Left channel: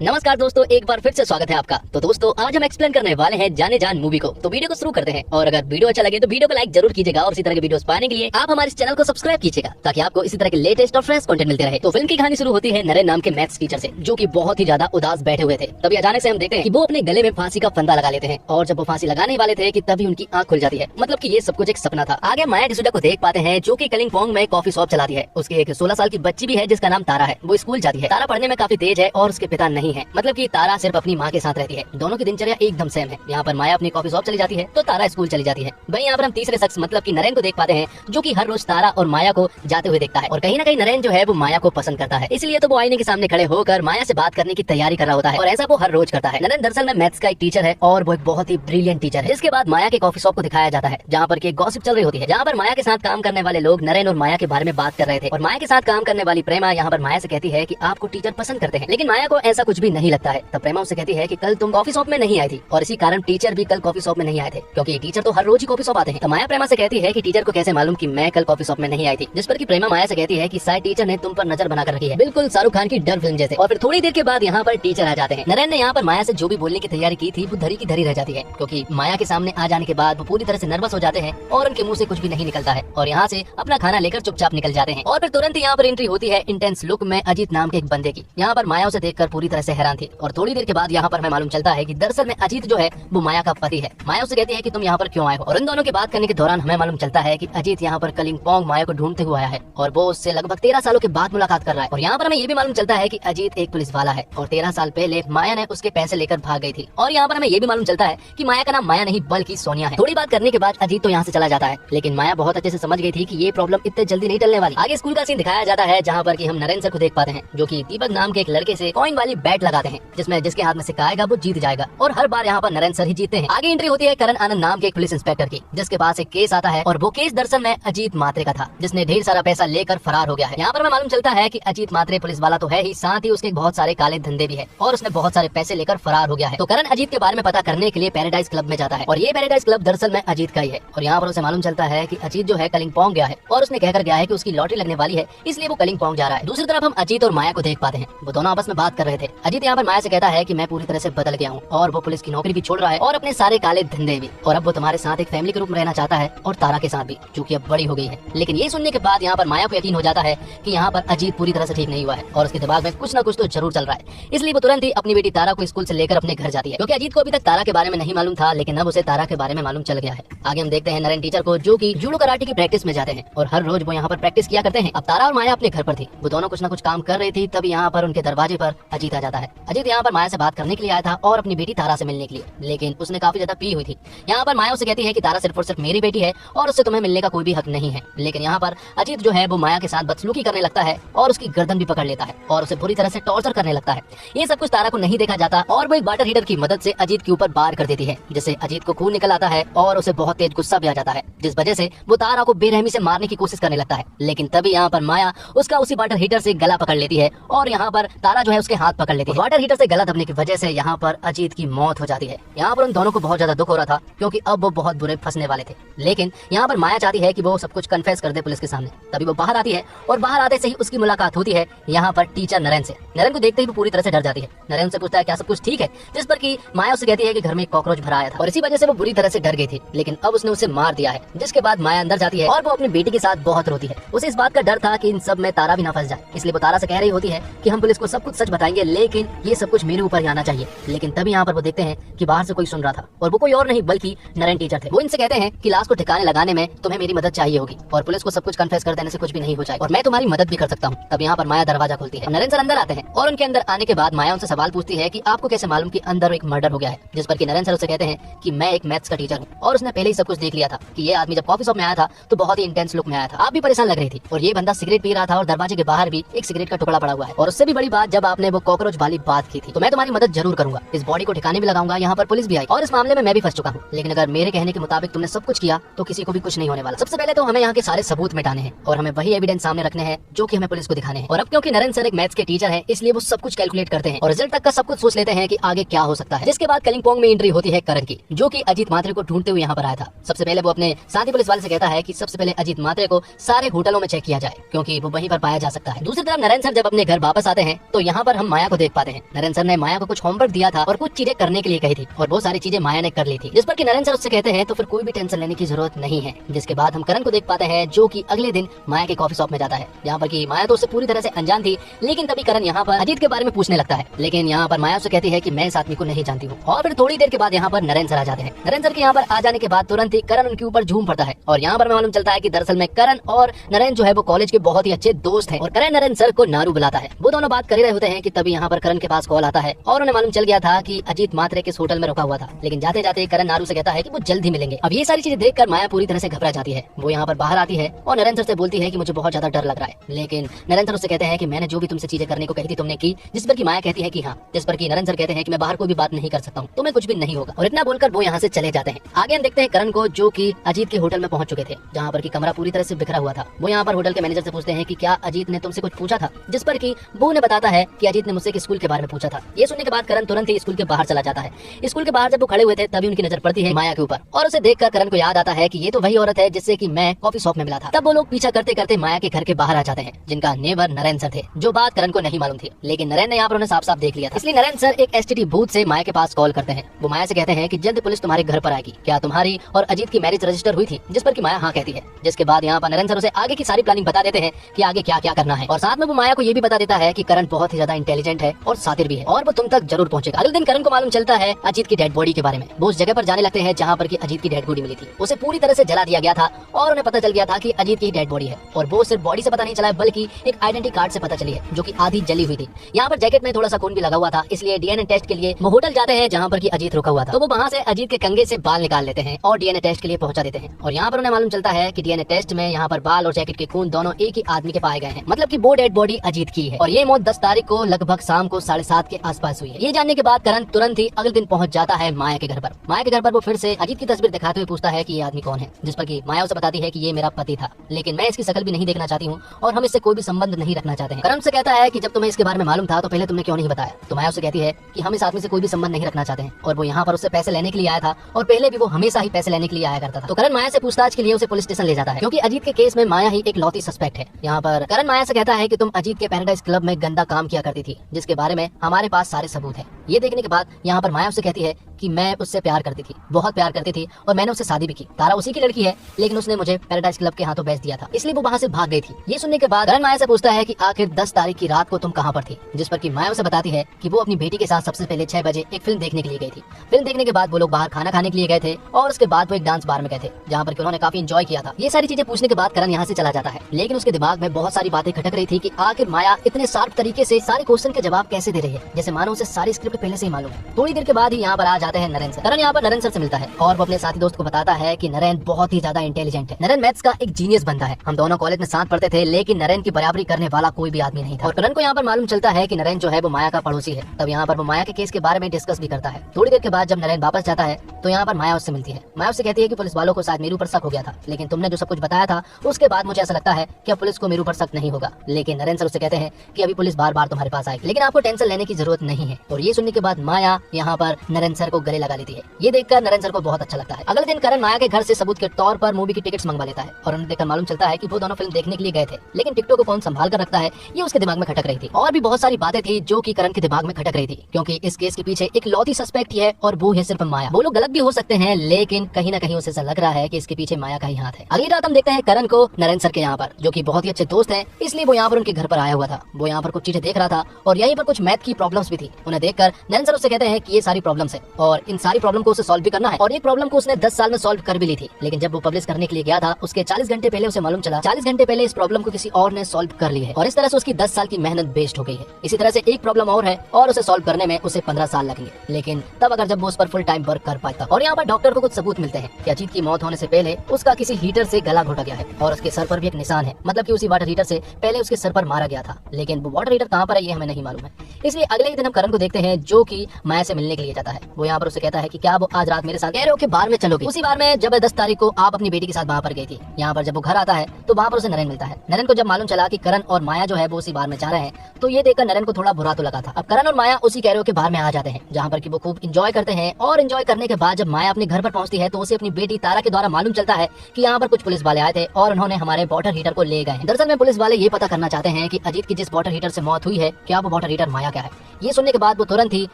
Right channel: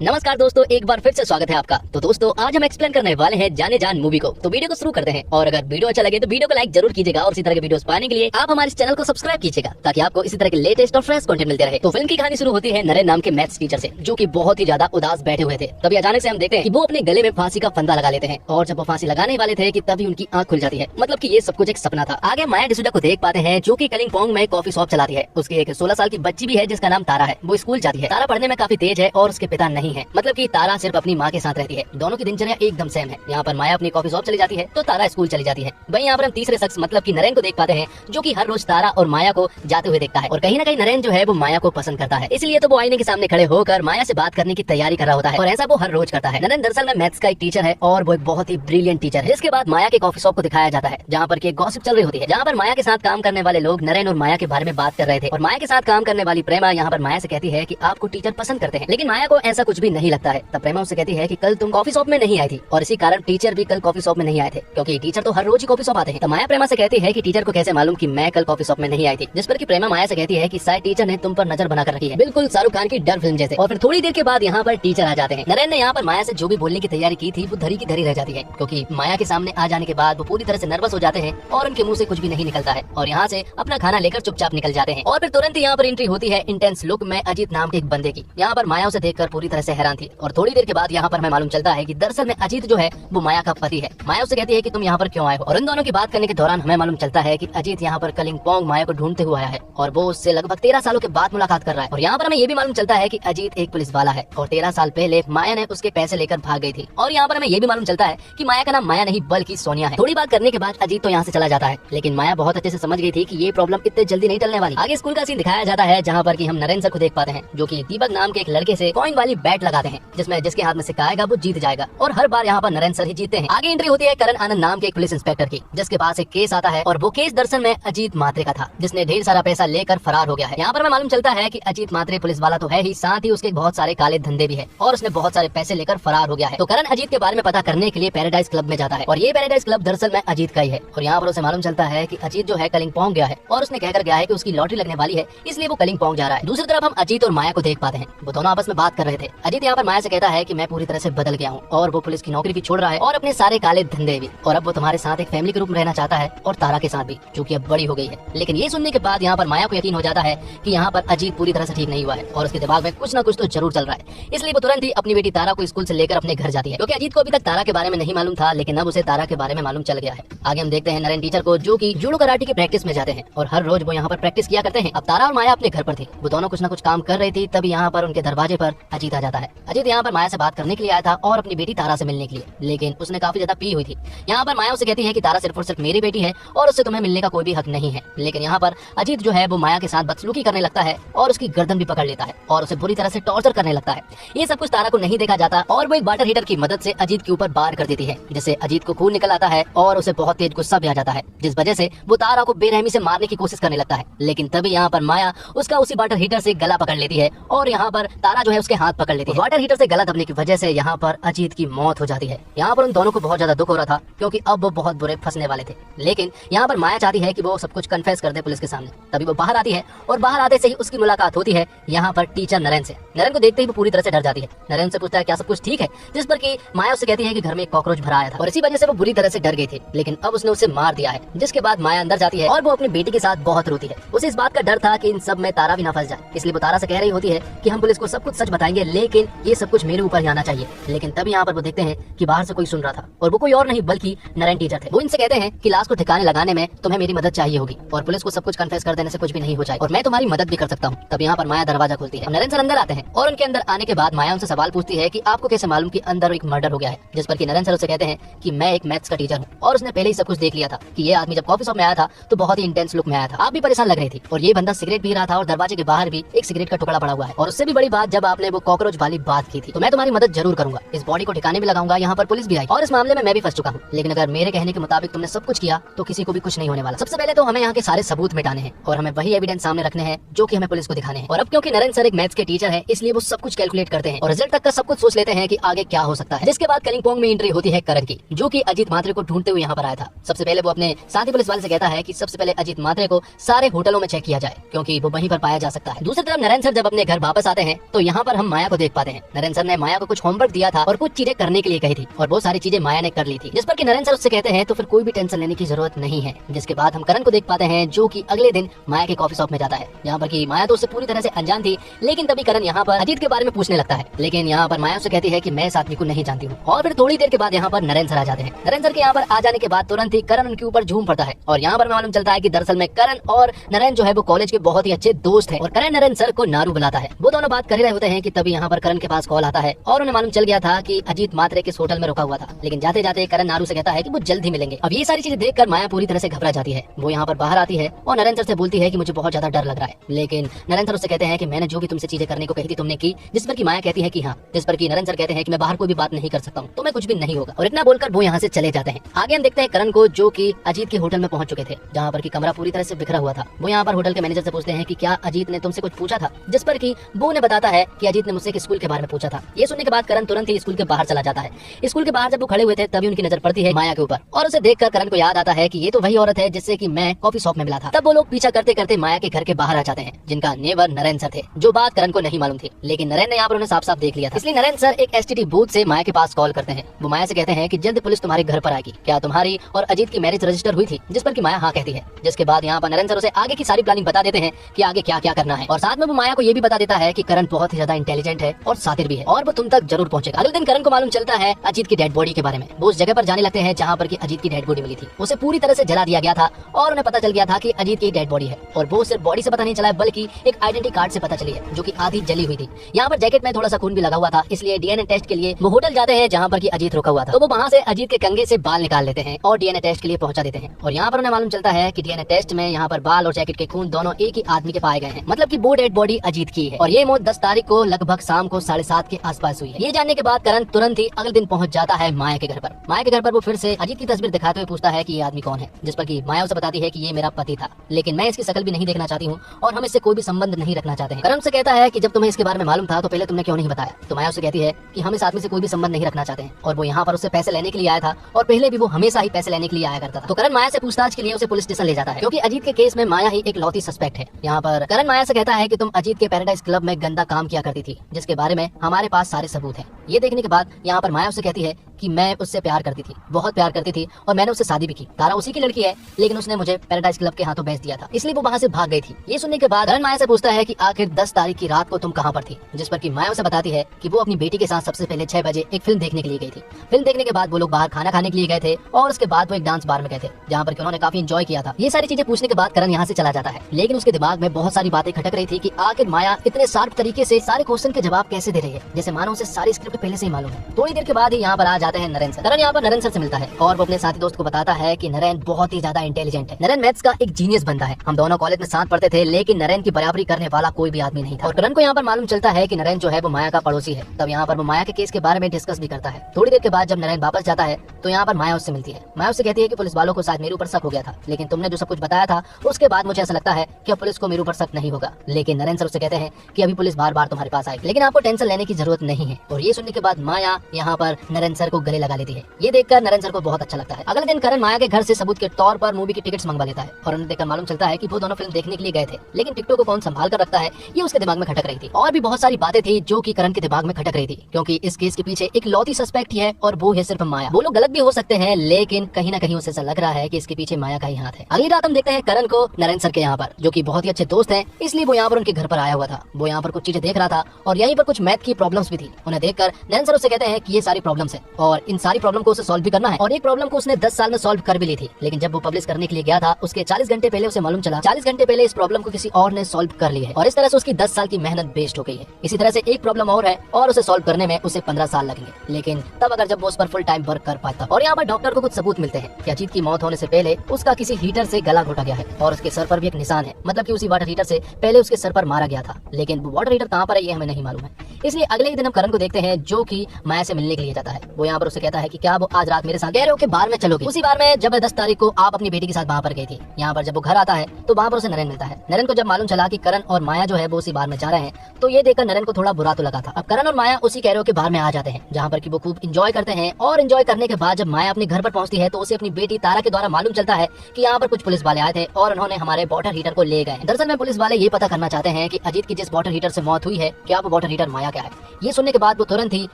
नमस्कार दोस्तों, एक बार फिर से स्वागत है आपका। तो दोस्तों, आज हम एक्सप्लेन करने वाले हैं जाने जान मूवी को। तो वीडियो को शुरू करते हैं, और अगर वीडियो अच्छा लगे तो वीडियो को लाइक जरूर कीजिएगा, और इसी तरह के वीडियोस पाने के लिए आप हमारे इस चैनल को सब्सक्राइब कीजिएगा, ताकि आपको इसी तरह के लेटेस्ट और फ्रेश कंटेंट मिलते रहे। तो फिल्म की कहानी शुरू होती है नरेन नाम के मैथ्स टीचर से, जो की बहुत ही ज्यादा उदास बैठे हुए थे। तभी अचानक से हम देखते हैं कि वो अपने गले में फांसी का फंदा लगा लेते हैं, और जब वो फांसी लगाने वाले थे कि तभी उनकी आंख खुल जाती है। मतलब कि ये सब कुछ एक सपना था। आगे माया डिसूजा को देख पाते हैं, जो की कलिंगपोंग में कॉफी शॉप चलाती है। उसकी एक 16 साल की बच्ची भी है, जिसका नाम तारा है। वो स्कूल जाती है। तारा पढ़ने में काफी तेज है, और उसके पिता नहीं है। मतलब की तारा सिर्फ अपनी माँ के साथ रहती है। दोनों की दिनचर्या एकदम सेम है। यहाँ पर माया अपनी कॉफी शॉप चली जाती है, तो तारा स्कूल चली जाती है। वहीं यहाँ पर हम तीसरे शख्स मतलब कि नरेन को देख पाते हैं, जो कि हर रोज तारा और माया को जाते हुए देखता है। और कहीं ना कहीं नरेन जो है वो माया को पसंद करता है, इसलिए तो वो आईने के सामने खड़े होकर माया से बात करने की तैयारी कर रहा होता है। और ऐसा वो हर रोज करता है। नरेन दरअसल में मैथ्स का एक टीचर है, और वो एक बहुत ही ब्रिलियंट टीचर है। इसके बाद माया के कॉफी शॉप को दिखाया जाता है, जहाँ पर एक गॉसिप चल रही होती है, जहाँ पर माया के साथ काम करने वाले लोग नरेन और माया के बारे में बात कर रहे थे। और माया के साथ काम करने वाली प्रेमा यहाँ पर माया से कहती है कि आपको टीचर पसंद करते हैं, लेकिन माया को ऐसा कुछ भी नहीं लगता है। तब प्रेमा उससे कहती है कि कल तुम कॉफी शॉप में नहीं आई थी, और इसी कारण टीचर भी कल कॉफी शॉप में नहीं आए थे, क्योंकि टीचर तो हर रोज ही कॉफी शॉप आते हैं। तो माया प्रेमा से कहती है कि टीचर को कैसे मालूम कि मैं कल कॉफी शॉप में नहीं आई थी, जिस पर कि प्रेमा माया से कहती है कि शायद टीचर ने तुम पर नजर बनाकर रखी है, बिल्कुल शाहरुख खान की डर फिल्म जैसे। और फिर थोड़ी देर के बाद यहाँ पर टीचर आ जाते हैं। नरेन ने यहाँ पर माया से जो भी बोलने की तैयारी की थी वो धरी की धरी रह जाती है, क्योंकि माया के सामने आ जाने के बाद वो पूरी तरह से नर्वस हो जाते हैं, और उनके मुंह से कुछ भी नहीं निकलता है, और यहाँ से अपना खाना लेकर चुपचाप निकल जाते हैं। और फिर तुरंत यहाँ पर एंट्री होती है इंटेंस लुक में अजीत नाम के एक बंदे की। यहाँ पर माया उसे देखकर पूरी तरह से हैरान थी, और थोड़ी देर के बाद यहाँ पर हमें मालूम चलता है कि दरअसल में अजीत जो है वो माया का पति है। माया उससे कहती है कि तुम यहाँ पर क्यों आए हो, और इन दोनों की बात करने के दौरान हमें मालूम चलता है कि अजीत यहाँ पर कलिंगपोंग माया को ढूंढते हुए आया है, और वो उससे लगभग 13 सालों के बाद मुलाकात कर रहा है। और यहाँ पर हमें ये भी मालूम चलता है कि अजीत एक पुलिस वाला है, और 13 साल पहले माया ने उसके पैसे लेकर भाग गई थी। और यहाँ पर हमें ये भी मालूम चलता है कि माया का नाम माया नहीं बल्कि सोनिया है। थोड़ी बात करने के बाद अजीत तो यहाँ से चला जाता है, लेकिन माया बहुत अच्छे से समझ गई थी कि ये प्रॉब्लम इतने जल्दी नहीं टलने वाली। आगे स्कूल का सीन दिखाया जाता है, जहाँ पर की हम नरेन सर को देख पाते हैं, जो की दीपक नाम के एक लड़के से कॉइन वाली बैट लगाते हैं, जिसमें जिसके हाथ में सिक्का आएगा वो जीत जाएगा। और हर बार यहाँ पर नरेन सर ही जीतते हैं। आगे एंट्री होती है करण आनंद नाम के एक पुलिस इंस्पेक्टर की, जिसके पास एक केस आता है, और वो केस दरअसल में अजीत मात्रे का था, जिसने ढेर सारा पैसा लेकर फरार हो गया है। यहाँ पर हमें मालूम चलता है कि अजीत मात्रे पुलिस वाला तो है ही, साथ ही उसके बहुत सारे काले धंधे भी है, और उसने बहुत सारे पैसे लेकर फरार हो गया है। तो करण अजीत के बारे में पता करने के लिए पैराडाइज क्लब में जाता है, और ये पैराडाइज क्लब दरअसल में अजीत का ही है। और यहाँ पर उसे मालूम चलता है कि अजीत जो है कलिंगपोंग गया है, और उसने कहकर गया है कि उसकी लॉटरी लगने वाली है, इसलिए वो कलिंगपोंग जा रहा है। दूसरी तरफ हम अजीत और माया को देख पाते हैं, वो दोनों आपस में बात कर रहे थे। अजीत यहाँ पर माया से कहता है कि मैं पूरी तरह से बदल गया हूँ, और वो पुलिस की नौकरी भी छोड़ रहा है, और अपने सारे काले धंधे भी, और अब वो तुम्हारे साथ एक फैमिली के रूप में रहना चाहता है, और तारा के साथ भी, जो कि अब बड़ी हो गई है। लेकिन ये सुनने के बाद यहाँ पर माया को यकीन हो जाता है कि यहाँ पर अजीत पूरी तरह से ठीक नहीं हुआ है, और उसके दिमाग में कुछ ना कुछ तो जरूर चल रहा है। इसलिए वो तुरंत ही अपनी बेटी तारा को स्कूल से लेकर अपने घर जाती है, क्योंकि अजीत को अभी तक तारा के बारे में नहीं मालूम था, लेकिन अब उसे तारा के बारे में मालूम चल गया है। आगे हम देखते हैं नरेन टीचर को, जो कि जूडो कराटे की प्रैक्टिस में जाते हैं, और हर रोज वो यहाँ पर प्रैक्टिस किया करते हैं। अब तारा और माया अपने घर पर थी, वो दोनों कुछ ना कुछ काम कर रही थी, तब यहाँ पर उनके दरवाजे पर अजीत आ जाता है। अजीत यहाँ पर माया से बात करने के लिए आया था, और अपनी बेटी तारा से मिलने के लिए, लेकिन उसने काफी ज्यादा पी हुई थी। यहाँ पर माया उसे कहती है कि तारा सिर्फ और सिर्फ मेरी बेटी है, और उससे तुम्हें मिलने का कोई भी हक नहीं है। लेकिन यहाँ पर अजीत जो है वो माया के साथ बदसलूकी करने लगता है, और उसकी गर्दन भी पकड़ लेता है, और उसे बुरी तरह से टॉर्चर करने लगता है। ये सब कुछ तारा को नहीं देखा जाता, और वो एक वाटर हीटर की मदद से अजीत के ऊपर बार कर देती है, जिससे अजीत को खून निकल आता है, और उसे बहुत तेज गुस्सा भी आ जाता है, जिस वजह से वो तारा को बेरहमी से मारने की कोशिश करने लगता है। लेकिन तभी यहाँ पर माया उसका उसी वाटर हीटर से गला पकड़ लेती है, और यहाँ पर तारा जो है उसके हाथ पकड़ लेती है। वाटर हीटर से गला दबने की वजह से यहाँ पर अजीत की मौत हो जाती है। यहाँ पर उन दोनों को बहुत ज्यादा दुख हो रहा था, क्योंकि अब वो बहुत बुरे फंसने वाले थे। लेकिन यहाँ पर माया चाहती है कि वो सब कुछ कन्फेस कर दे पुलिस के सामने। तभी वो बाहर आती है, और बाहर आते से ही उसकी मुलाकात होती है यहाँ पर टीचर नरेन से। नरेन को देखते ही वो पूरी तरह से डर जाती है। नरेन से पूछता है क्या सब कुछ ठीक है, जिस पर कि माया उसे कहती है कि घर में एक कॉकरोच भरा आया था, और इसी वजह से वो बुरी तरह से डर गई थी, लेकिन अब उसने उसे मार दिया है। जिसके बाद माया अंदर जाती है, और वो अपनी बेटी के साथ बहुत रोती है। उसे इस बात का डर था कि इन सब में तारा भी ना फंस जाए, इसलिए वो तारा से कह रही होती है कि हम पुलिस को सब कुछ सच बताएंगे, लेकिन ये सब कुछ मेरे ऊपर ही आना चाहिए। लेकिन तभी यहाँ पर वो देखते हैं कि बाहर से कोई सुन रहा था, और वो कोई और नहीं बल्कि नरेन टीचर थे। वो इनसे कहते हैं कि लाश को ठिकाने लगाने में तुम्हें मेरी मदद चाहिए होगी, और पुलिस को सब कुछ कन्फेस कर देने से कुछ भी नहीं हो जाए, और मैं तुम्हारी मदद भी कर सकता हूँ। तब यहाँ पर माया दरवाजा खोलती है, नरेन सर अंदर आते हैं, और उनके अंदर आने के बाद माया उनसे सवाल पूछती है कि आपको कैसे मालूम कि अंदर एक मर्डर हो गया है, जिस पर कि नरेन सर उसे कहते हैं कि मैं एक मैथ्स का टीचर हूँ, और उसने पहले ही सब कुछ देख लिया था कि ये आदमी जब कॉफी शॉप में आया था तो बहुत ही इंटेंस लुक में आया था, आप भी परेशान लग रही थी, और ये बंदा सिगरेट पी रहा था, और दरवाजे के बाहर भी एक सिगरेट का टुकड़ा पड़ा हुआ है। और उससे भी बड़ी बात, जब आपने वो कॉकरोच वाली बात की थी, तो मैं तुम्हारी मदद जरूर करूंगा, इस बॉडी को ठिकाने भी लगाऊंगा। यहाँ पर पुलिस भी आई, और इस मामले में मैं भी फंस चुका हूँ, लेकिन अगर मेरे कहने के मुताबिक तुमने सब कुछ किया तो किसी को भी कुछ नहीं होने वाला। सबसे पहले तो हमें यहाँ के सारे सबूत मिटाने हैं, और हमें वही एविडेंस सामने रखने हैं जो कि हमें पुलिस को दिखाने हैं। और अब क्योंकि नरेन सर एक मैथ्स के टीचर है, इसलिए वो सब कुछ कैलकुलेट करते हैं, और रिजल्ट तक का सब कुछ सोच लेते हैं कि आगे क्या हो सकता है। जिसके बाद कलिंगपोंग में एंट्री होती है करण की, जो कि अजीत मात्रे को ढूंढते हुए यहाँ पर आया था। सबसे पहले वो अपने साथी पुलिस वाले से कहता है कि सबसे पहले अजीत मात्रे को सारे होटलों में चेक किया जाए, क्योंकि वो वहीं पर पाया जा सकता है। दूसरी तरफ नरेन सर जब अपने घर वापस आते हैं, तो यहाँ पर हम माया को देख पाते हैं नरेंद्र सर ने माया को कुछ होमवर्क दिया था और कुछ चीजें करने के लिए कही थी और बहुत सारी चीजें माया ने कर ली थी, जिस पर कि नरेंद्र सर उससे कहते हैं तो फिर कोई भी टेंशन लेने की जरूरत नहीं है। जिसके बाद हम करण को देख पाते हैं जो कि अगले दिन माया के कॉफी शॉप में जाता है, जहाँ पर कि माया तो उससे पूरी तरह से अनजान थी। लेकिन तभी करण यहाँ पर अजीत के बारे में पूछने लगता है, लेकिन यहाँ पर माया उससे कहती है कि मैं इस आदमी को नहीं जानती हूँ। और फिर थोड़ी देर के बाद यहाँ पर नरेंद्र सर आ जाते हैं। नरेंद्र सर के यहाँ पर आ जाने के बाद तुरंत ही करण उनके ऊपर झूम पड़ता है और यहाँ पर मालूम चलता है कि दरअसल में करण और नरेंद्र जो है वो कॉलेज के बहुत ही अच्छे दोस्त हैं और करण नरेंद्र सर को नारू बुलाता है। वो दोनों बात कर रहे होते हैं कि तभी यहाँ पर करण के पास कॉल आता है और उन्हें मालूम चल गया था कि अजीत मात्रे किस होटल में रुका हुआ था। लेकिन जाते जाते करण नारू से कहता है कि वो जल्द ही मिलेंगे। अब ये सारी चीजें देखकर माया पूरी तरह से घबरा जाती है। वो यहाँ पर बाहर आती है और नरेंद्र सर से बोलती है कि मुझे बहुत ज्यादा डर लग रहा है। लेकिन नरेंद्र सर उससे कहते हैं कि मैंने जो भी तुमसे चीजें करने को कही थी तुमने की, जिस पर कि माया कहती है कि हाँ, जिस पर कि नरेंद्र सर कहते हैं कि मैं बाहर कोई भी बात नहीं कर सकता हूँ, तुम्हें कुछ भी नहीं होगा। और इतना बोलकर वो यहाँ से चले जाते हैं। आगे हम देखते हैं करण को जो कि अजीत के होटल में पहुंच चुके थे, जहाँ पर कि कमरा पूरी तरह से बिखरा हुआ था। वो यहाँ पर होटल के मैनेजर से पूछते हैं कि क्या अजीत ने तुमसे कुछ पूछा था, जिस पर कि वो उन्हें बताता है कि अजीत ने मुझसे एक स्कूल के बारे में पूछा था। ये सुनने के बाद करण तुरंत ही स्कूल के बाहर चला जाता है। स्कूल के बाहर जब वो खड़े हुए थे तभी उनकी नजर पड़ती है माया के ऊपर और उसे देखकर करण को याद आता है कि ये तो वही औरत है जिससे कि मैं कॉफी शॉप में मिला था। तब वो लोग पीछा करते करते माया के घर के बाहर आ जाते हैं, जिनका नेबर नरेंद्र सर थे, जो बात करण को नहीं मालूम थी। लेकिन नरेंद्र ने यहाँ पर उन्हें साफ साफ देख लिया था, इसलिए नरेंद्र सर एक एसटीडी बूथ से माया के पास कॉल करते हैं। वो माया से कहते हैं कि जल्द पुलिस तुम्हारे घर पर आएगी, क्या तुम्हारी और अजीत की मैरिज रजिस्टर हुई थी, जिस पर कि माया हाँ कहती है। जिसके बाद यहाँ पर नरेंद्र सर उसे आगे की सारी प्लानिंग बता देते हैं कि आगे क्या क्या करना है और साथ में वो माया को ये भी बता देता है कि करण बहुत ही ज्यादा इंटेलिजेंट है और शातिर भी है और वो तुम तक जरूर पहुंचेगा। अगले दिन करण को मालूम चलता है अजीत की डेड बॉडी के बारे में। वो उस जगह पर जाने लगते हैं जहाँ पर कि अजीत की डेड बॉडी मिली थी। उसे पूरी तरह से जला दिया गया था और उन्हें पता चल गया था कि अजीत की डेड बॉडी है। और वो सिर्फ बॉडी से पता नहीं चला है बल्कि एक आइडेंटिटी कार्ड से पता चली है, जो कि आधी जली हुई थी। यहाँ पर जैकेट में थोड़ा सा खून भी लगा हुआ था, इसलिए डीएनए टेस्ट के लिए वो होटल जाते हैं जहाँ पर कि अजीत रुका हुआ था। तो वो वहाँ से अजीत के कंगे से बाल निकाल लेते हैं और डीएनए टेस्ट के लिए पहुंचा देते हैं। और यहाँ पर उन्हें मालूम चलता है कि डीएनए टेस्ट में यहाँ पर बाल और जैकेट के खून दोनों एक ही आदमी के पाए गए हैं, मतलब कि वो डेड बॉडी अजीत की है। और ये मौत 10 तारीख को लगभग शाम को 7:30 के आसपास हुई है। ये जानने के बाद करण तुरंत ही अगले दिन पहुंच जाता है माया के घर पर। माया के घर पर वो फिर से अजीत की तस्वीर दिखाते हुए पूछता है कि ये आदमी कौन है, जिस पर कि माया उसे बताती है कि ये मेरा पति था, लेकिन मैं इसकी शक्ल भी नहीं देखना चाहती हूँ और हम इससे कोई भी संबंध नहीं रखना चाहते हैं। करण से कहता है कि जब तुम्हें इसके बारे में मालूम था तो पहले तुमने क्यों नहीं बताया। तो माया उसे कहती है कि हम इस आदमी से कोई भी संबंध नहीं रखना चाहते हैं और वो यहाँ पर उससे पैसे लेने के लिए आया था और पहले भी वो हमेशा ही पैसे लेने के लिए आया करता था। तो करण माया से पूछताछ के लिए उसे पुलिस स्टेशन ले जाता है, क्योंकि अजीत के केस में माया ही एक लौती सस्पेक्ट है। यहाँ पर करण माया से कहता है कि तुम अजीत के पैराडाइज क्लब में गंदा काम किया करती थी, जिसके बारे में हमारे पास सारे सबूत हैं। ये देखने के बाद यहाँ पर माया उससे कहती है कि मैं उससे प्यार करती थी, बहुत प्यार करती थी और मैंने उससे शादी भी की। तारा उसी की लड़की है, लेकिन उसने मुझे पैराडाइज क्लब के हाथों बेच दिया था, इसलिए वो वहाँ से भाग गई थी। ये सुनने के बाद करण माया से पूछता है कि आखिर 10 तारीख की रात को तुम कहाँ पर थी, जिस पर कि माया उसे बताती है कि वो अपनी बेटी के साथ सबसे पहले 6 बजे एक फिल्म देखने के लिए गई थी। फिल्म देखने के बाद वो लोग बाहर खाना खाने के लिए गए थे और उसके बाद वो एक डांस बार में गए थे, जहाँ पर उन्होंने काफी एंजॉय किया था। ये सारी चीजें पूछने के बाद करण यहाँ से चला जाता है, लेकिन उसके दिमाग में बहुत सारी बातें खटक रही थी कि आखिर माया इतने शार्प तरीके से सारे क्वेश्चन के जवाब कैसे दे रही है, जैसे मानो उसे सारी स्क्रिप्ट पहले से ही मालूम है। थोड़ी देर के बाद ही यहाँ पर आ जाते हैं नरेंद्र सर। करण यहाँ पर नरेंद्र सर से मिलता है और वो अपने साथी दोस्त को बताता है कि नरेंद्र बहुत ही ज्यादा इंटेलिजेंट है, नरेंद्र मैथ्स का एक जीनियस बनता है। हम दोनों कॉलेज में साथ पढ़ते थे, लेकिन नरेंद्र की बराबरी करने वाला कोई भी आदमी नहीं था। और करण को यहाँ पर मालूम चलता है कि नरेंद्र जो है वो माया का पड़ोसी है। तब यहाँ पर वो माया के केस के बारे में डिस्कस भी करता है। थोड़ी देर के बाद जब नरेंद्र वापस जाता है तो यहाँ पर माया उससे मिलती है। माया उससे कहती है कि पुलिस वालों को शायद मेरे ऊपर शक हो गया था, लेकिन तुमने जो सब कुछ बताया था उसके बाद मुझे ऐसा लगता है कि अब पुलिस को मेरे ऊपर शक नहीं होगा। लेकिन नरेंद्र सर उससे कहते हैं कि अभी पुलिस बार बार तुम्हारे पास आएगी, लेकिन आपको टेंशन लेने की जरूरत नहीं है। और ये सुनने के बाद माया यहाँ पर नरेंद्र सर को गले लगा लेती है। ये देखकर नरेंद्र सर को बहुत अच्छा लगता है। अगले दिन करण माया के घर से सबूत के तौर पर मूवी की टिकट्स मंगवा लेता है और उन्हें देखकर मालूम चलता है कि वो दोनों फिल्म देखने के लिए गए थे, लेकिन टिकटों को कौन संभाल कर रखता है ये उसके दिमाग में खटक रही थी। और भी बहुत सारी बातें थी जो कि करण के दिमाग में खटक रही थी, क्योंकि इस केस के पीछे एक लौती सस्पेक्ट ही है और वो है सिर्फ माया। वो लोग गलत भी हो सकते हैं, लेकिन कहीं ना कहीं उसे ऐसा लग रहा है कि इसके पीछे माया का ही हाथ है। अगली रात हम देखते हैं करण को नरेंद्र सर के यहाँ पर, जो कि बहुत ही अच्छे दोस्त हैं, इसलिए वो यहाँ पर उनके घर पर आया हुआ था। वो यहाँ पर कुछ चीजें देख रहा था और यहीं पर कुछ मैथ की प्रॉब्लम्स भी थी। उन्हें देखकर नरेंद्र सर उससे कहते हैं कि ये सारी प्रॉब्लम्स है और इन सारी प्रॉब्लम को उसे सॉल्व भी करना है। और एक प्रॉब्लम को उसने 10 साल में सॉल्व कर भी ली थी, लेकिन जब वो पब्लिश करने के लिए गया था उसके 40 घंटे पहले उसे मालूम चला 40 घंटे पहले इस प्रॉब्लम को किसी और ने सॉल्व कर ली है और इस तरह से उसकी 10 साल की मेहनत वेस्ट हो गई है। इसी तरह से एक प्रॉब्लम और है और उसे सॉल्व करने में उसे 15 साल लगेंगे, लेकिन तब अगर जब वो उस पर फुल टाइम वर्क कर पाता। और यहाँ पर डॉक्टर को कुछ सबूत मिलते हैं कि अजीत की मौत होने से पहले उसका किसी हीटर से गला घोटा गया है और उसके सर पर भी एक निशान है, मतलब कि उसी वाटर हीटर से पहले उसके सर पर मारा गया था। लेकिन वो वाटर हीटर कहाँ पर है ये हमें नहीं मालूम है। इसलिए अगले ही दिन हम करण को देखते हैं जो कि माया से मिलने के लिए जाता है। वो यहाँ पर उसे कहता है कि क्या वो आज रात मेरे साथ कह रहे हो कि बार में चलोगे। उसी बार में जब 10 तारीख को आप अपनी बेटी के साथ वहाँ पर गई थी। यहाँ पर जब वो घर आता है तो वहाँ पर उसे नरेंद्र मिलता है। नरेंद्र को जब मालूम चला कि करण और माया जो है वो उसी बार में जा रहे हैं तो ये देखकर नरेंद्र को थोड़ा बुरा तो लगा था। अब करण और माया उसी कैरो के बार में आ जाते हैं, जहाँ पर कि वो खूब एंजॉय करते हैं। और एंजॉय करने के बाद जब माया अपने घर पर पहुंचती है तो उसे अपनी बेटी तारा के द्वारा मालूम चलता है कि यहाँ पर कुछ पुलिस वाले आए थे और उन्होंने हमारे वाटर हीटर को ले गए। दरअसल में पुलिस वाले ये पता करना चाहते हैं कि अजीत की जिस वाटर हीटर से मौत हुई है क्या वो वाटर हीटर माया क्या है। ये सुनने के बाद वो तुरंत ही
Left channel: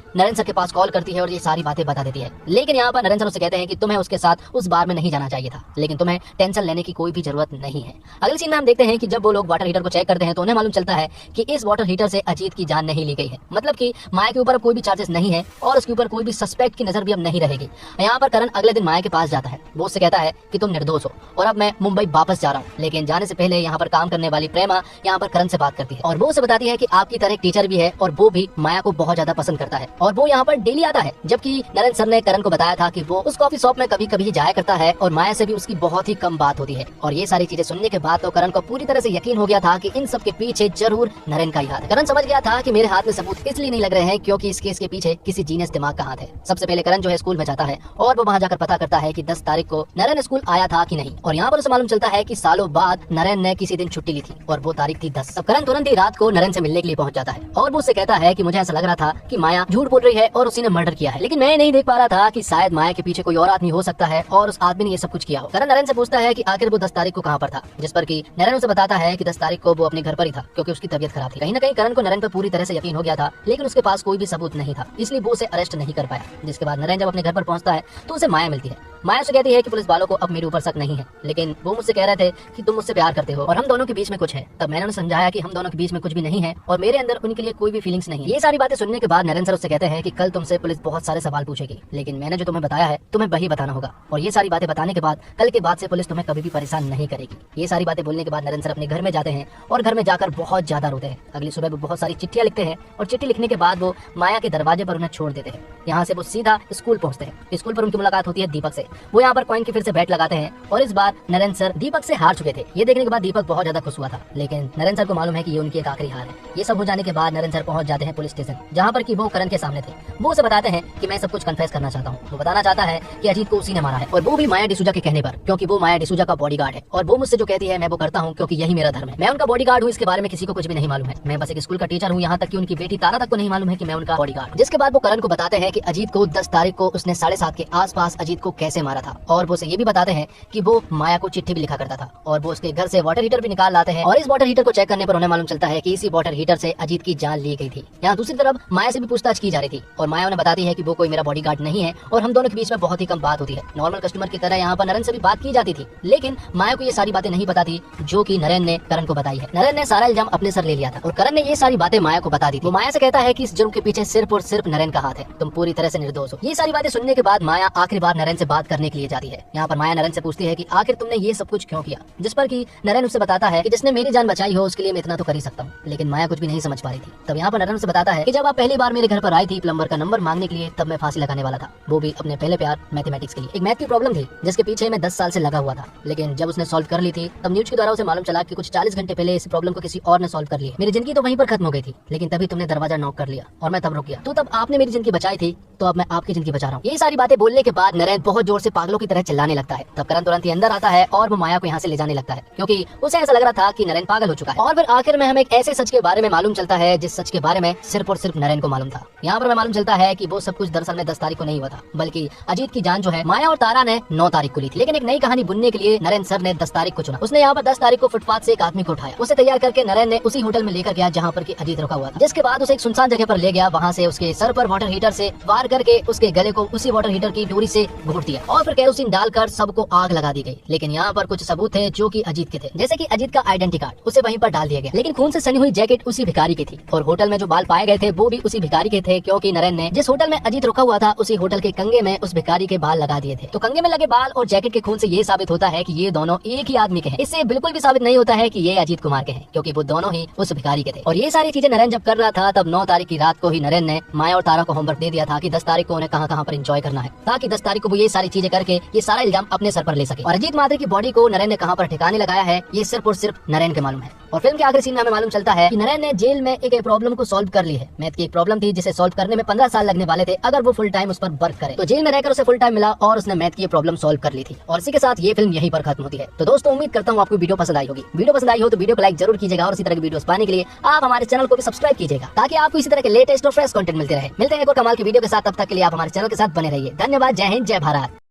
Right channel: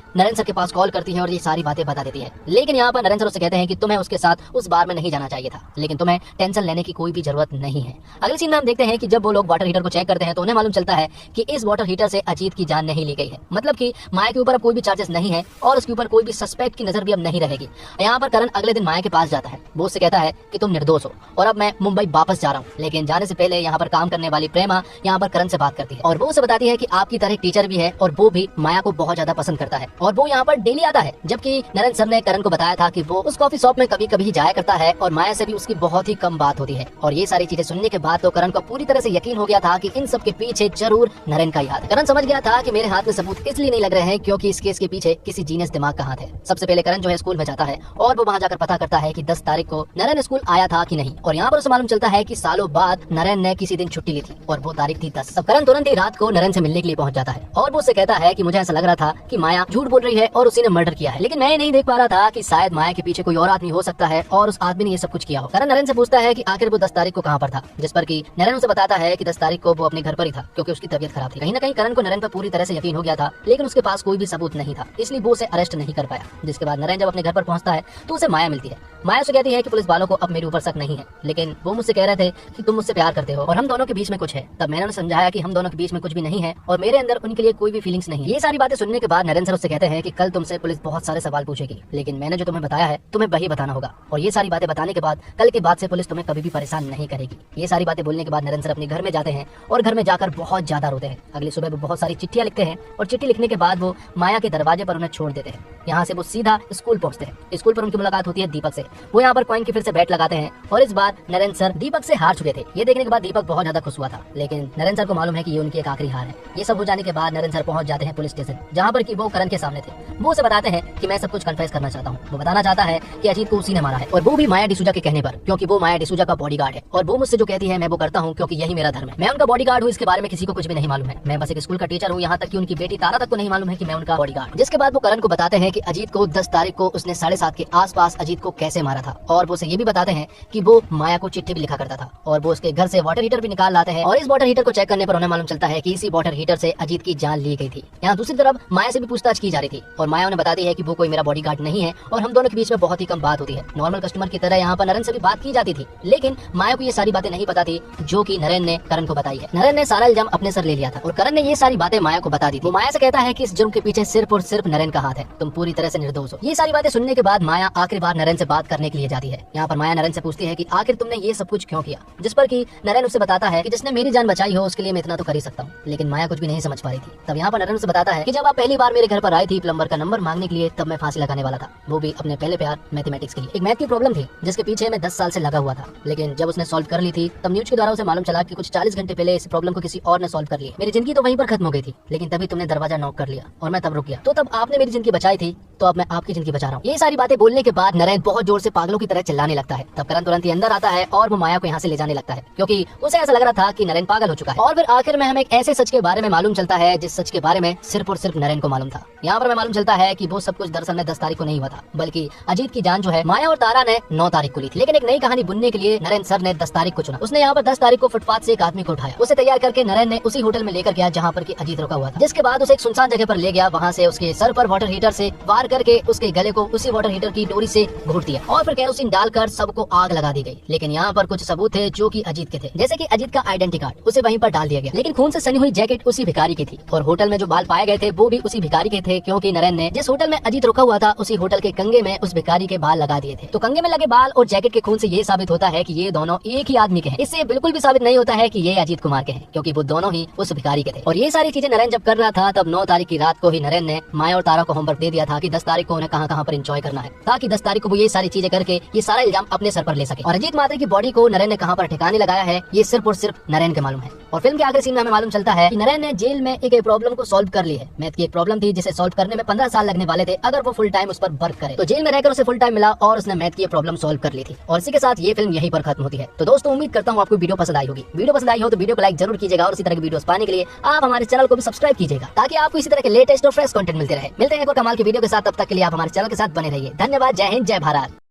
नरेंद्र सर के पास कॉल करती है और ये सारी बातें बता देती है। लेकिन यहाँ पर नरेंद्र सर उससे कहते हैं कि तुम्हें उसके साथ उस बार में नहीं जाना चाहिए था, लेकिन तुम्हें टेंशन लेने की कोई भी जरूरत नहीं है। अगले सीन में हम देखते हैं कि जब वो लोग वाटर हीटर को चेक करते हैं तो उन्हें मालूम चलता है कि इस वाटर हीटर से अजीत की जान नहीं ली गई है। मतलब कि माया के ऊपर अब कोई भी चार्जेस नहीं है और उसके ऊपर कोई भी सस्पेक्ट की नजर भी अब नहीं रहेगी। यहाँ पर करण अगले दिन माया के पास जाता है। वो उससे कहता है कि तुम निर्दोष हो और अब मैं मुंबई वापस जा रहा हूँ। लेकिन जाने से पहले यहाँ पर काम करने वाली प्रेमा यहाँ पर करण से बात करती है और वो उसे बताती है कि आपकी तरह टीचर भी है और वो भी माया को बहुत ज्यादा पसंद करता है और वो यहाँ पर डेली आता है। जबकि नरेंद्र सर ने करण को बताया था कि वो उस कॉफी शॉप में कभी कभी जाया करता है और माया से भी उसकी बहुत ही कम बात होती है। और ये सारी चीजें सुनने के बाद तो करण को पूरी तरह से यकीन हो गया था कि इन सब के पीछे जरूर नरेंद्र का ही हाथ है। करण समझ गया था कि मेरे हाथ में सबूत इसलिए नहीं लग रहे हैं क्योंकि इस केस के पीछे किसी जीनियस दिमाग का हाथ है। सबसे पहले करण जो है स्कूल में जाता है और वो वहाँ जाकर पता करता है कि 10 तारीख को नरेंद्र स्कूल आया था कि नहीं। और यहाँ पर उसे मालूम चलता है कि सालों बाद नरेंद्र ने किसी दिन छुट्टी ली थी और वो तारीख थी 10। अब करण तुरंत ही रात को नरेंद्र से मिलने के लिए पहुंच जाता है और वो उससे कहता है कि मुझे ऐसा लग रहा था कि माया झूठ बोल रही है और उसी ने मर्डर किया है, लेकिन मैं नहीं देख पा रहा था कि शायद माया के पीछे कोई और आदमी हो सकता है और उस आदमी ने ये सब कुछ किया हो। करण नरेंद्र से पूछता है कि आखिर वो 10 तारीख को कहाँ पर था, जिस पर कि नरेंद्र उसे बताता है कि 10 तारीख को वो अपने घर पर ही था क्योंकि उसकी तबीयत खराब थी। कहीं ना कहीं करण को नरेंद्र पर पूरी तरह से यकीन हो गया था, लेकिन उसके पास कोई भी सबूत नहीं था, इसलिए वो उसे अरेस्ट नहीं कर पाया। जिसके बाद नरेंद्र जब अपने घर पर पहुंचता है तो उसे माया मिलती है। माया से कहती है कि पुलिस वालों को अब मेरे ऊपर शक नहीं है, लेकिन वो मुझसे कह रहे थे कि तुम मुझसे प्यार करते हो और हम दोनों के बीच में कुछ है। तब मैंने उन्हें समझाया कि हम दोनों के बीच में कुछ भी नहीं है और मेरे अंदर उनके लिए कोई भी फीलिंग्स नहीं। ये सारी बातें सुनने के बाद नरेंद्र सर उससे कहते हैं कि कल तुमसे पुलिस बहुत सारे सवाल पूछेगी, लेकिन मैंने जो तुम्हें बताया है तुम्हें वही बताना होगा। और ये सारी बातें बताने के बाद कल के बाद से पुलिस तुम्हें कभी भी परेशान नहीं करेगी। ये सारी बातें बोलने के बाद नरेंद्र सर अपने घर में जाते हैं और घर में जाकर बहुत ज्यादा रोते हैं। अगली सुबह वो बहुत सारी चिट्ठियां लिखते हैं और चिट्ठी लिखने के बाद वो माया के दरवाजे पर उन्हें छोड़ देते हैं। यहाँ से वो सीधा स्कूल पहुंचते हैं। स्कूल पर उनकी मुलाकात होती है दीपक से। वो यहाँ पर कॉइन की फिर से बैट लगाते हैं और इस बार नरेंद्र सर दीपक से हार चुके थे। ये देखने के बाद दीपक बहुत ज्यादा खुश हुआ था, लेकिन नरेंद्र सर को मालूम है कि ये उनकी एक आखिरी हार है। ये सब हो जाने के बाद नरेंद्र सर पहुंच जाते हैं पुलिस स्टेशन, जहाँ पर कि वो करण के सामने थे। वो उसे बताते हैं कि मैं सब कुछ कन्फेस करना चाहता हूँ। वो बताना चाहता है कि अजीत को उसी ने मारा है और वो भी माया डिसूजा के कहने पर, क्योंकि वो माया डिसूजा का बॉडीगार्ड है और वो मुझसे जो कहती है मैं वो करता हूँ क्योंकि यही मेरा धर्म है। मैं उनका बॉडीगार्ड हूँ, इसके बारे में किसी को कुछ भी नहीं मालूम है। मैं बस एक स्कूल का टीचर हूँ, यहाँ तक कि उनकी बेटी तारा तक को नहीं मालूम है कि मैं उनका बॉडीगार्ड। जिसके बाद वो करण को बताते हैं कि अजीत को 10 तारीख को उसने 7:30 के आसपास अजीत को कैसे मारा था और वो उसे ये भी बताते हैं कि वो माया को चिट्ठी भी लिखा करता था और वो उसके घर से वाटर हीटर भी निकाल लाते हैं और इस वाटर हीटर को चेक करने पर उन्हें मालूम चलता है कि इसी वाटर हीटर से अजीत की जान ली गई थी। यहाँ दूसरी तरफ माया से भी पूछताछ की जा रही थी और माया उन्हें बताती है कि वो कोई मेरा बॉडीगार्ड नहीं है और हम दोनों के बीच में बहुत ही कम बात होती है। नॉर्मल कस्टमर की तरह यहाँ पर नरेंद्र से भी बात की जाती थी, लेकिन माया को ये सारी बातें नहीं पता थी जो कि नरेंद्र ने करण को बताई है। नरेंद्र ने सारा इल्जाम अपने सर ले लिया था और करण ने ये सारी बातें माया को बता दी थी। वो माया से कहता है कि इस जुर्म के पीछे सिर्फ और सिर्फ नरेंद्र का हाथ है, तुम पूरी तरह से निर्दोष हो। ये सारी बातें सुनने के बाद माया आखिरी बार नरेंद्र से बात करने के लिए जाती है। यहाँ पर माया नरेंद्र से पूछती है कि आखिर तुमने ये सब कुछ क्यों किया, जिस पर कि नरेंद्र उससे बताता है कि जिसने मेरी जान बचाई हो उसके लिए मैं इतना तो कर ही सकता हूँ। लेकिन माया कुछ भी नहीं समझ पा रही थी। तब यहाँ पर नरेंद्र से बताता है कि जब आप पहली बार मेरे घर पर आई थी प्लम्बर का नंबर मांगने के लिए, तब मैं फांसी लगाने वाला था, वो भी अपने पहले प्यार मैथमेटिक्स के लिए। एक मैथ की प्रॉब्लम थी जिसके पीछे मैं 10 साल से लगा हुआ था, लेकिन जब उसने सॉल्व कर ली थी तब न्यूज के द्वारा उसे मालूम चला कि कुछ 40 घंटे पहले इस प्रॉब्लम को किसी और ने सॉल्व कर लिया। मेरी जिंदगी तो वहीं पर खत्म हो गई थी, लेकिन तभी तुमने दरवाजा नॉक कर लिया और मैं तब रुक गया। तो तब आपने मेरी जिंदगी बचाई थी, तो अब मैं आपकी जिंदगी बचा रहा हूँ। ये सारी बातें बोलने के बाद नरेंद्र बहुत जोर से पागलों की तरह चिल्लाने लगता है। तब करण तुरंत ही अंदर आता है और वो माया को यहाँ से ले जाने लगता है, क्योंकि उसे ऐसा लग रहा था कि नरेंद्र पागल हो चुका है। और फिर आखिर में हमें एक ऐसे सच के बारे में मालूम चलता है जिस सच के बारे में सिर्फ और सिर्फ नरेंद्र को मालूम था। यहाँ पर हमें मालूम चलता है कि वो सब कुछ दरअसल में 10 तारीख को नहीं हुआ था, बल्कि अजीत की जान जो है माया और तारा ने 9 तारीख को ली थी। लेकिन एक नई कहानी बुनने के लिए नरेंद्र सर ने 10 तारीख को चुना। उसने यहाँ पर 10 तारीख को फुटपाथ से एक आदमी को उठाया, उसे तैयार करके नरेंद्र ने उसी होटल में लेकर गया जहाँ पर अजीत रुका हुआ था। जिसके बाद उसे एक सुनसान जगह पर ले गया, वहाँ से उसके सर पर वाटर हीटर से वार करके उसके गले को उसी वाटर हीटर की डोरी से घोट दिया और फिर केरोसिन डालकर सबको आग लगा दी गई। लेकिन यहाँ पर कुछ सबूत थे जो कि अजीत के थे, जैसे कि अजीत का आइडेंटिटी कार्ड उसे वहीं पर डाल दिया गया। लेकिन खून से सनी हुई जैकेट उसी भिखारी की थी और होटल में जो बाल पाए गए थे वो भी उसी भिखारी के थे, क्योंकि नरेंद्र ने जिस होटल में अजीत रुका हुआ था उसी होटल के कंगे में उस भिखारी के बाल लगा दिए थे। तो कंगे में लगे बाल और जैकेट के खून से ये साबित होता है कि ये दोनों एक ही आदमी के हैं। इससे बिल्कुल भी साबित नहीं होता है कि ये अजीत कुमार के हैं, क्योंकि वो दोनों ही उस भिखारी के थे। और ये सारी चीजें नरेंद्र जब कर रहा था तब 9 तारीख की रात को ही नरेंद्र ने माया और तारा को होमवर्क दे दिया था कि 10 तारीख को उन्हें कहाँ पर एंजॉय करना है, ताकि 10 तारीख को वो ये सारी चीजें करके ये सारा इल्जाम अपने सर पर ले सके। और अजीत मात्र की बॉडी को नरेंद्र ने कहाँ पर ठिकाने लगाया है ये सिर्फ और सिर्फ नरेंद्र के मालूम है। और फिल्म के आखिरी सीन में हमें मालूम चलता है कि नरेंद्र ने जेल में एक प्रॉब्लम को सॉल्व कर ली है। मैथ की एक प्रॉब्लम थी जिसे सॉल्व करने में 15 साल लगने वाले थे अगर वो फुल टाइम उस पर वर्क करे। तो जेल में रहकर उसे फुल टाइम मिला और उसने मैथ की प्रॉब्लम सॉल्व कर ली थी। और इसी के साथ ये फिल्म यहीं पर खत्म होती है। तो दोस्तों उम्मीद करता हूँ आपको वीडियो पसंद आई होगी। वीडियो पसंद आई हो तो वीडियो को लाइक जरूर कीजिएगा और इसी तरह की वीडियोस पाने के लिए आप हमारे चैनल को भी सब्सक्राइब कीजिएगा, ताकि आपको इसी तरह के लेटेस्ट और फ्रेश कंटेंट मिलते रहे। मिलते हैं एक और कमाल की वीडियो के साथ, तब तक के लिए आप हमारे चैनल के साथ बने रहिए। धन्यवाद। जय हिंद, जय भारत।